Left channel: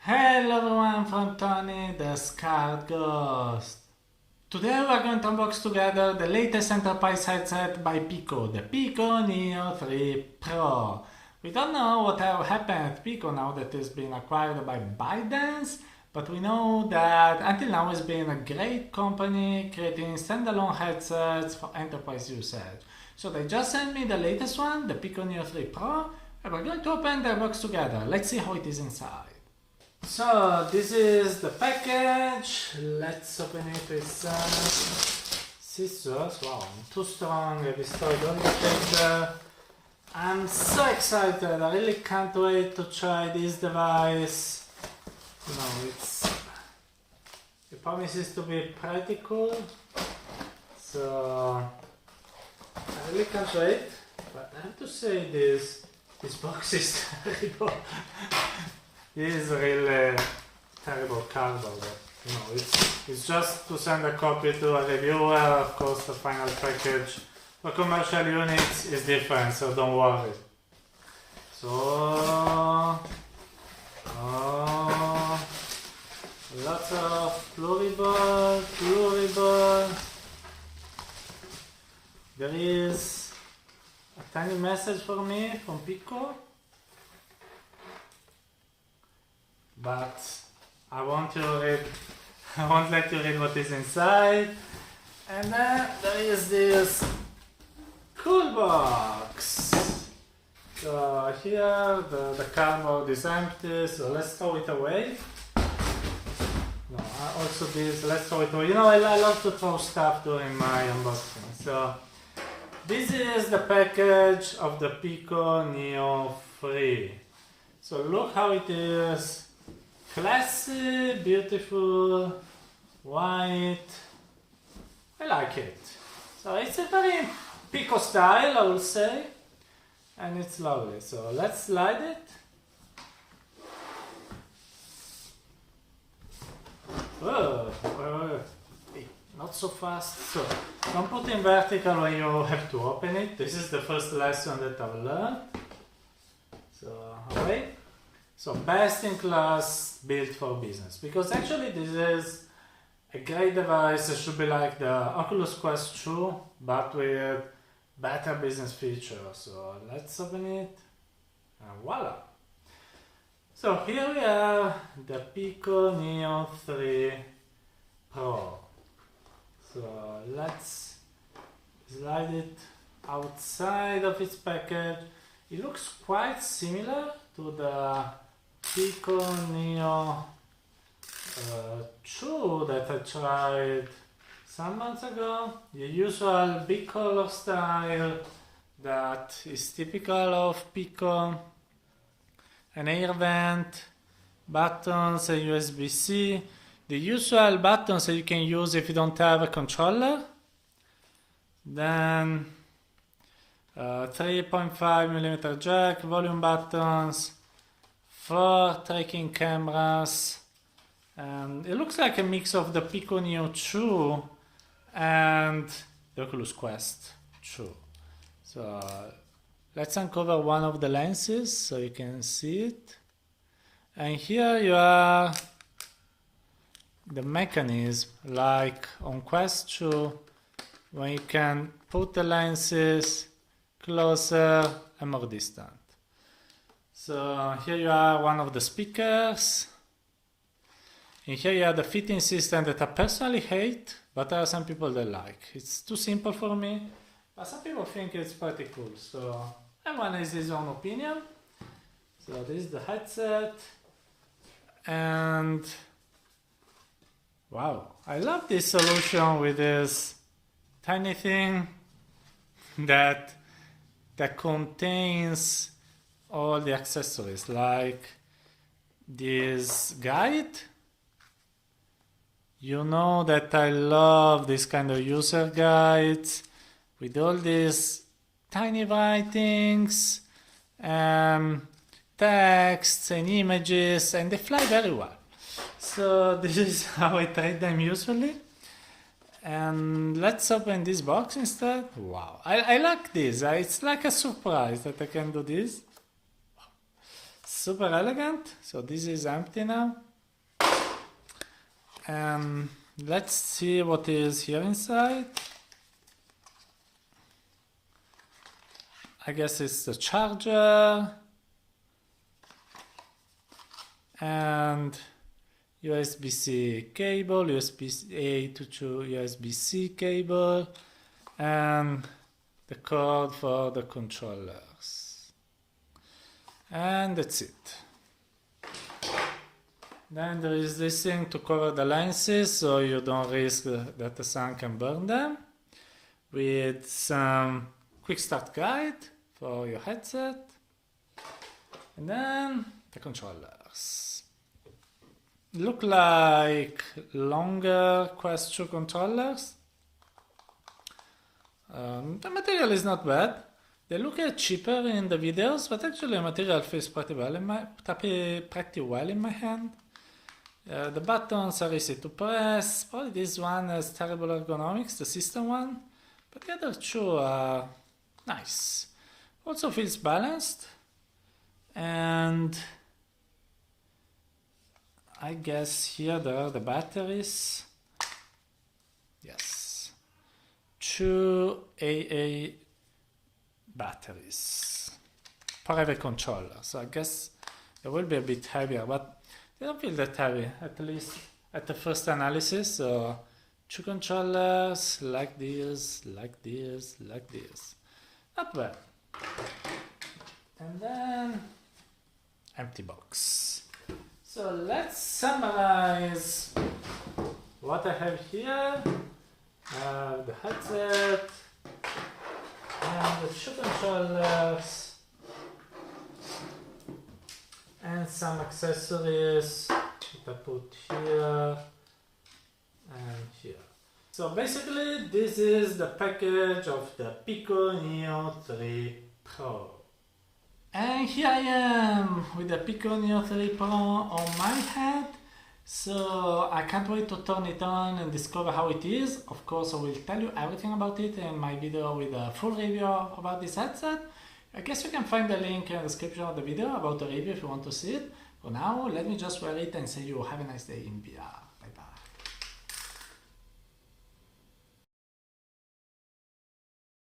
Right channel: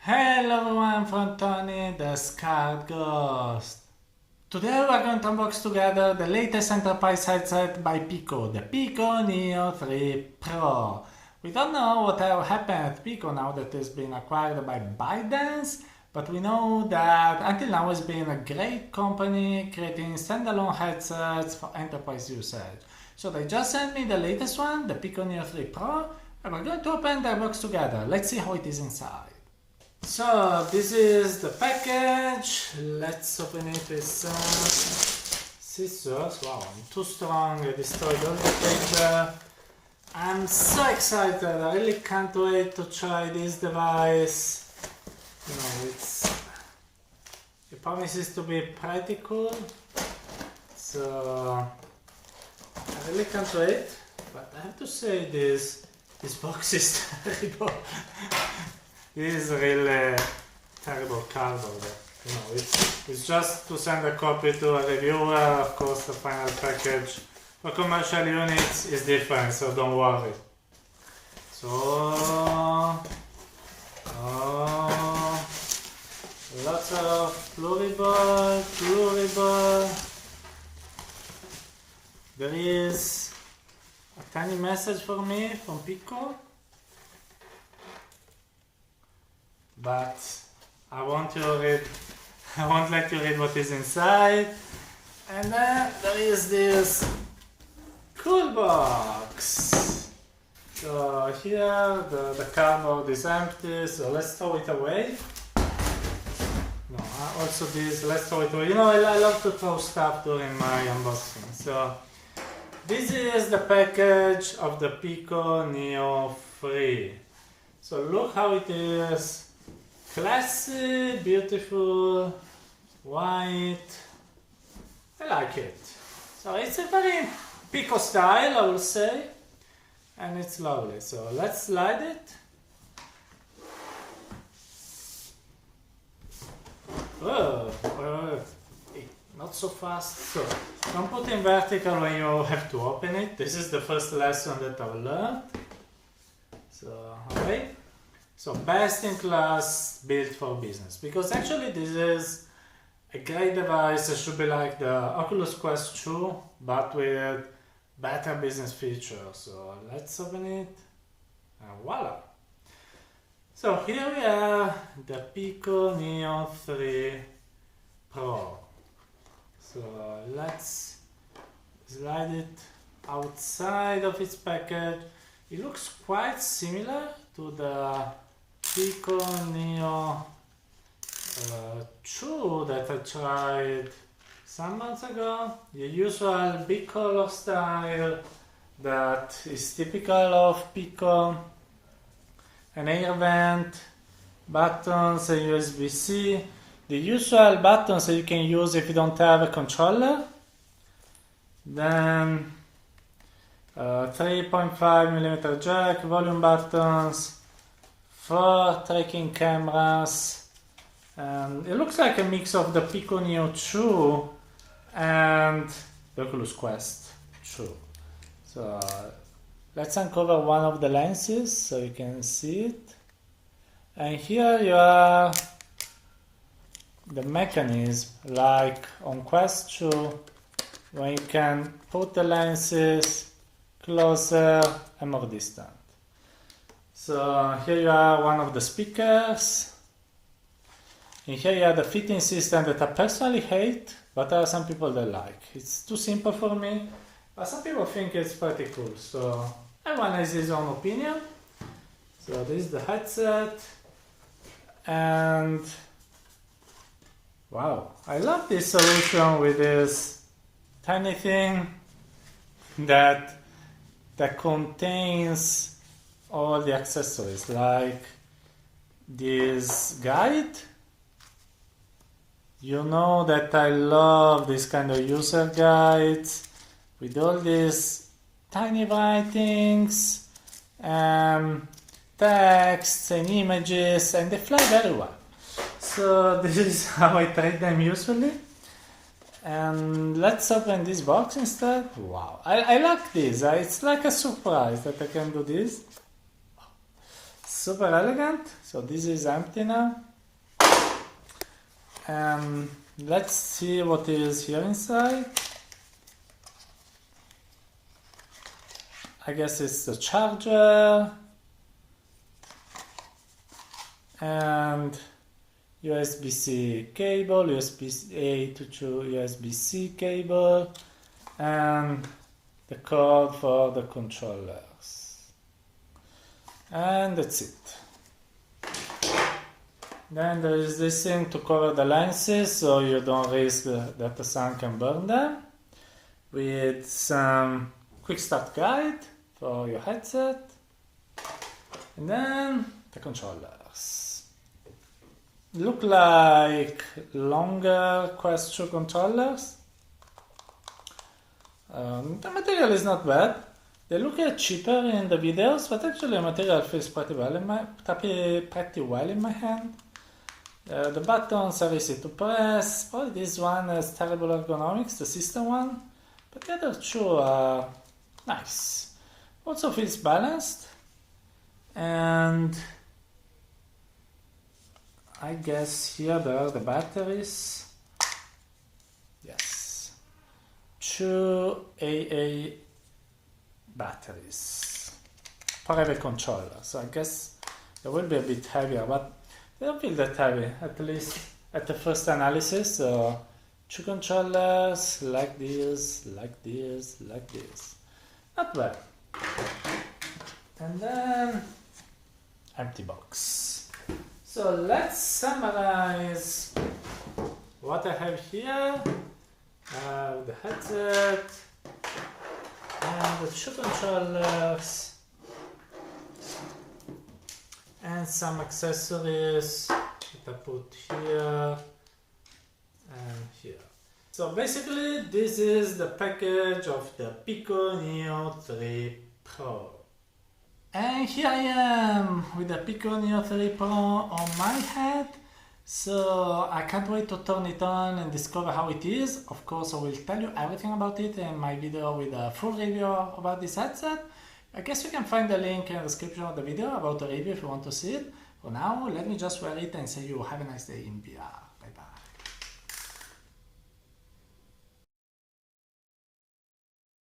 Hello everyone from Tony the Scarred Ghost. Today we're going to unbox together the latest enterprise headset by Pico, the Pico Neo 3 Pro. We don't know what will happen at Pico now that it's been acquired by ByteDance, but we know that until now it's been a great company creating standalone headsets for enterprise usage. So they just sent me the latest one, the Pico Neo 3 Pro, and we're going to open the box together. Let's see how it is inside. So this is the package. Let's open it with some scissors. Wow, I'm too strong. I destroyed all the paper. I'm so excited. I really can't wait to try this device. You know, it promises to be pretty cool. So I really can't wait. But I have to say this box is terrible. This is really terrible cardboard. You know, it's just to send a copy to a reviewer. Of course, the final package for commercial units is different, so don't worry. So, lots of pluriball. There is a tiny message for me from Pico. But I won't let you read what is inside. And then there is this cool box. So here the cardboard is empty, so let's throw it away. No, also this, let's throw it away. You know, I love to throw stuff during my unboxing. So this is the package of the Pico Neo 3. So look how it is. Classy, beautiful, white. I like it. So it's a very Pico style, I will say, and it's lovely. So let's slide it. Oh, not so fast. So don't put in vertical when you have to open it. This is the first lesson that I've learned. So wait. So best in class built for business, because actually this is a great device. It should be like the Oculus Quest 2 but with better business features. So let's open it and voila. So here we are, the Pico Neo 3 Pro. So let's slide it outside of its package. It looks quite similar to the Pico Neo 2 that I tried some months ago. The usual big color style that is typical of Pico. An air vent, buttons, a Usbc. The usual buttons that you can use if you don't have a controller. Then 3.5mm jack, volume buttons, 4 tracking cameras, and it looks like a mix of the Pico Neo 2 and the Oculus Quest 2. So let's uncover one of the lenses so you can see it. And here you are the mechanism, like on Quest 2, where you can put the lenses closer and more distant. So here you are one of the speakers. And here you are the fitting system that I personally hate, but there are some people that like. It's too simple for me, but some people think it's pretty cool. So everyone has his own opinion. So this is the headset. And wow, I love this solution with this tiny thing that contains all the accessories, like this guide. You know that I love this kind of user guides with all these tiny writings, texts and images, and they fly very well. So this is how I trade them usually. And let's open this box instead. Wow, I like this. It's like a surprise that I can do this. super elegant. So this is empty now. And let's see what is here inside. I guess it's the charger and USB-C cable, USB-A to USB-C cable, and the cord for the controllers. And that's it. Then there is this thing to cover the lenses so you don't risk that the sun can burn them, with some quick start guide for your headset, and then the controllers. Look like longer Quest 2 controllers. The material is not bad. They look cheaper in the videos, but actually the material feels pretty well in my hand. The buttons are easy to press. Probably this one has terrible ergonomics, the system one, but the other two are nice. Also feels balanced, and I guess here there are the batteries. Yes, 2 AA batteries for every controller. So I guess it will be a bit heavier, but they don't feel that heavy, at least at the first analysis. So 2 controllers like this, like this, like this. Not bad. And then empty box. So let's summarize what I have here. The headset and the 2 controllers and some accessories that I put here and here. So basically this is the package of the Pico Neo 3 Pro. And here I am with the Pico Neo 3 Pro on my head. So I can't wait to turn it on and discover how it is. Of course I will tell you everything about it in my video with a full review about this headset. I guess you can find the link in the description of the video about the review if you want to see it. For now, let me just wear it and say you have a nice day in VR. Bye bye.